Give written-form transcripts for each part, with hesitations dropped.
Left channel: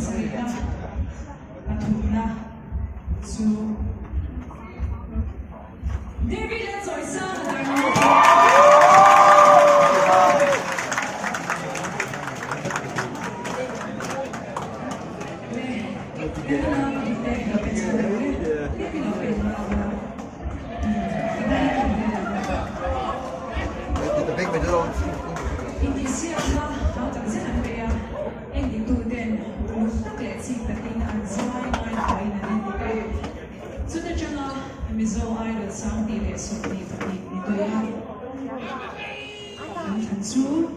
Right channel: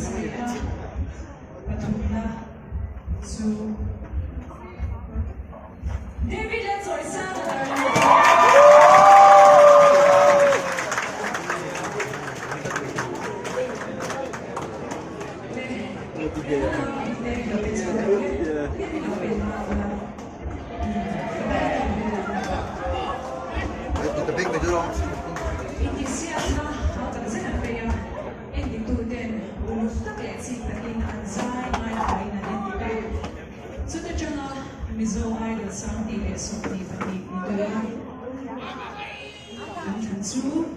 Sarina, Atuna, so David, let's all sound with our new Mizo Idol sang tile so ni pati ito yan. Ang tansu.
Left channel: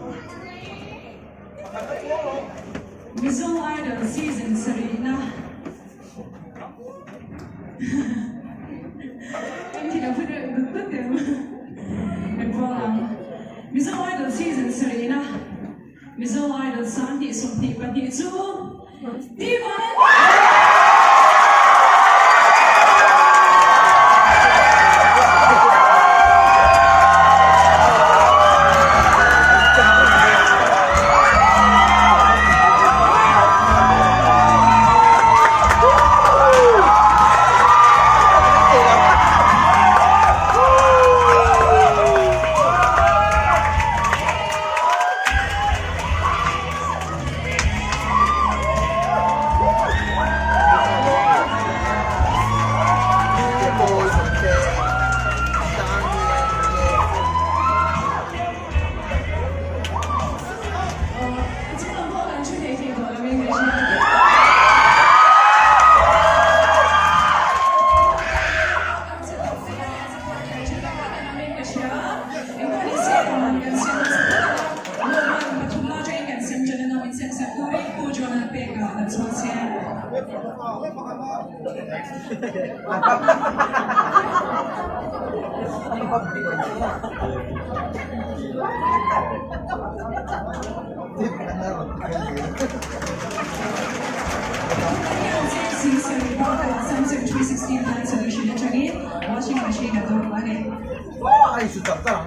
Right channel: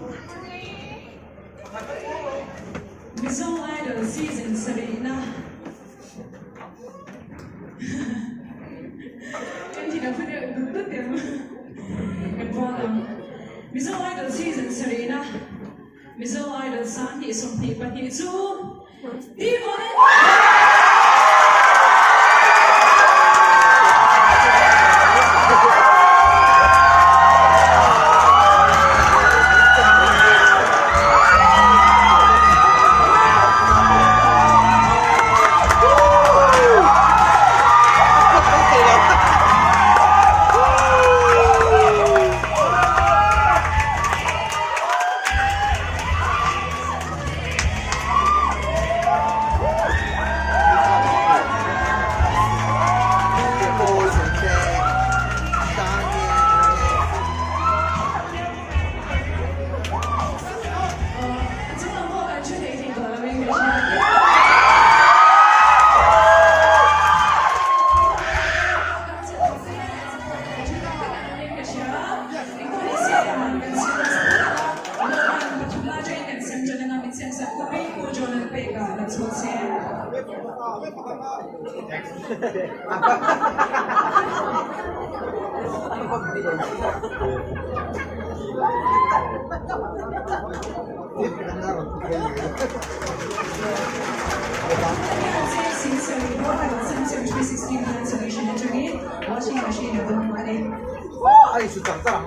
Mizo Idol season Sarina. Hindi na pwede utot yan. Nagwalang. Mizo Idol season Sarina. Mizo Idol sang tile so ni pati ito. Di ko na. Samsung 316 hand solution internet washing machine at home money. Oh, ay sudah tak.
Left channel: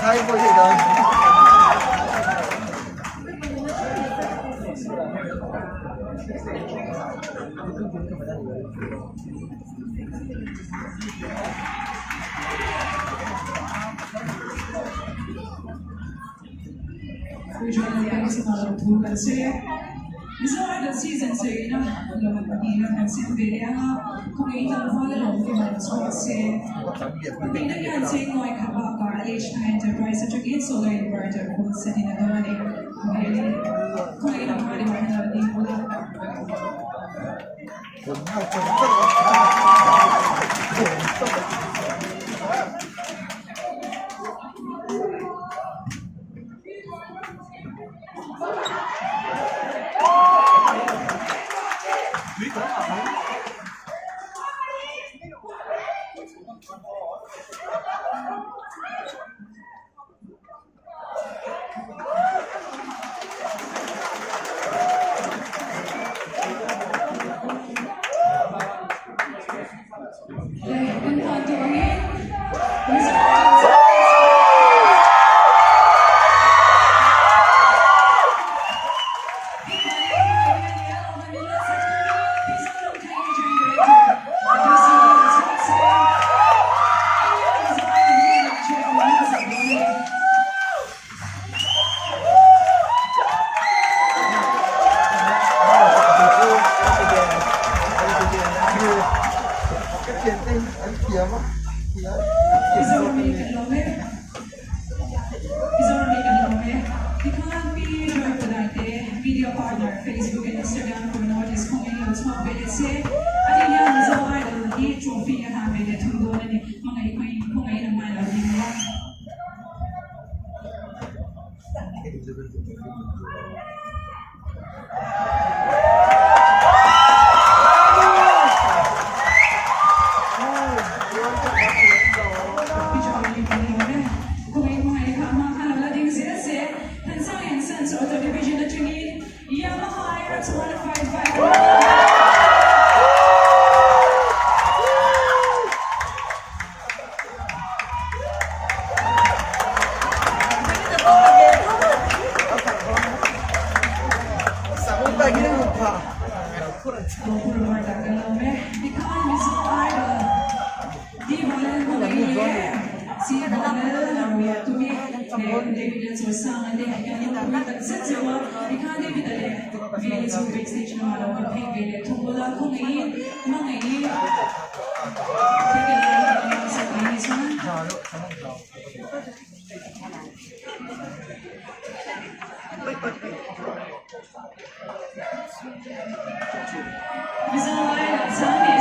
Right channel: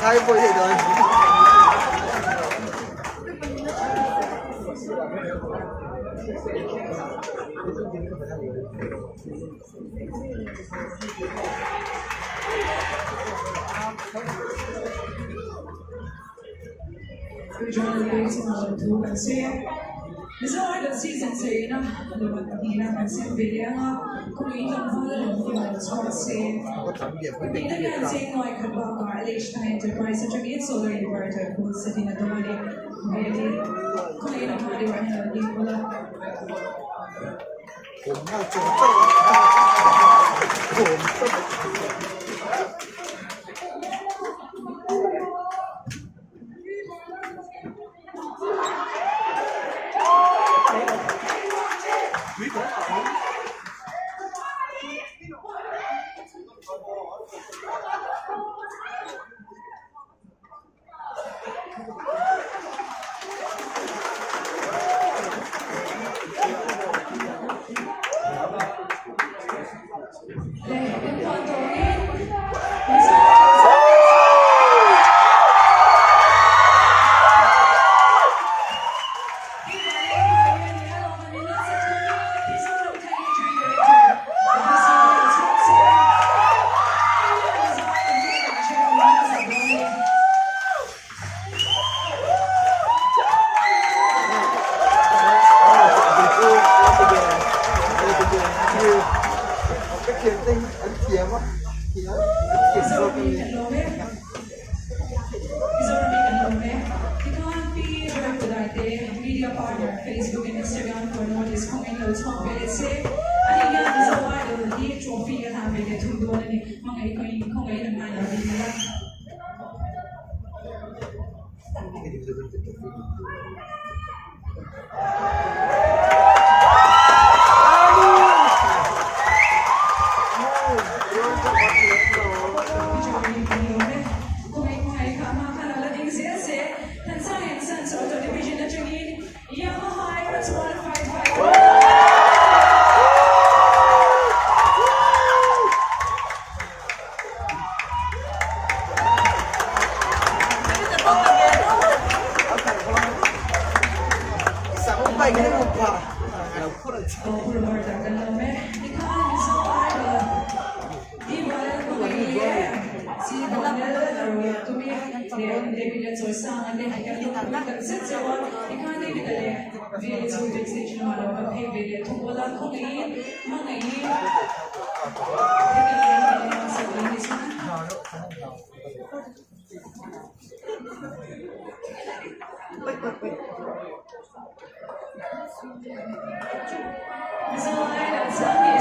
Kaya po yun doon. Join the guys in our tour and say, Mizo Idol season say, na laman panina kan say bere nga kung itang follow ng mga say pagpina yan say mo ay kaba ka alish na enterprise at yung solar inverter kung sa tinagawa ni kung itang hardware na hindi mo lang. Video partner, Facebook and Instagram for notice kung ilo small bilese. Ano yan, Mizo Idol, di trophy yan namin at hundo na ni mga ikoy kung ngayon ang mga namin nila. gini lupa. Puro Marta Galome. Ikaw ang Mizo Idol. Di bala ko ngayon. Si Bala, tumi, David at Sosa, and then I can look at the set. Ikaw David ale. Via sa backstage naman ako kay David. Tungkol ko ngayon, mga ngayon. Kaya sa linis man. Mizo Idol, tell me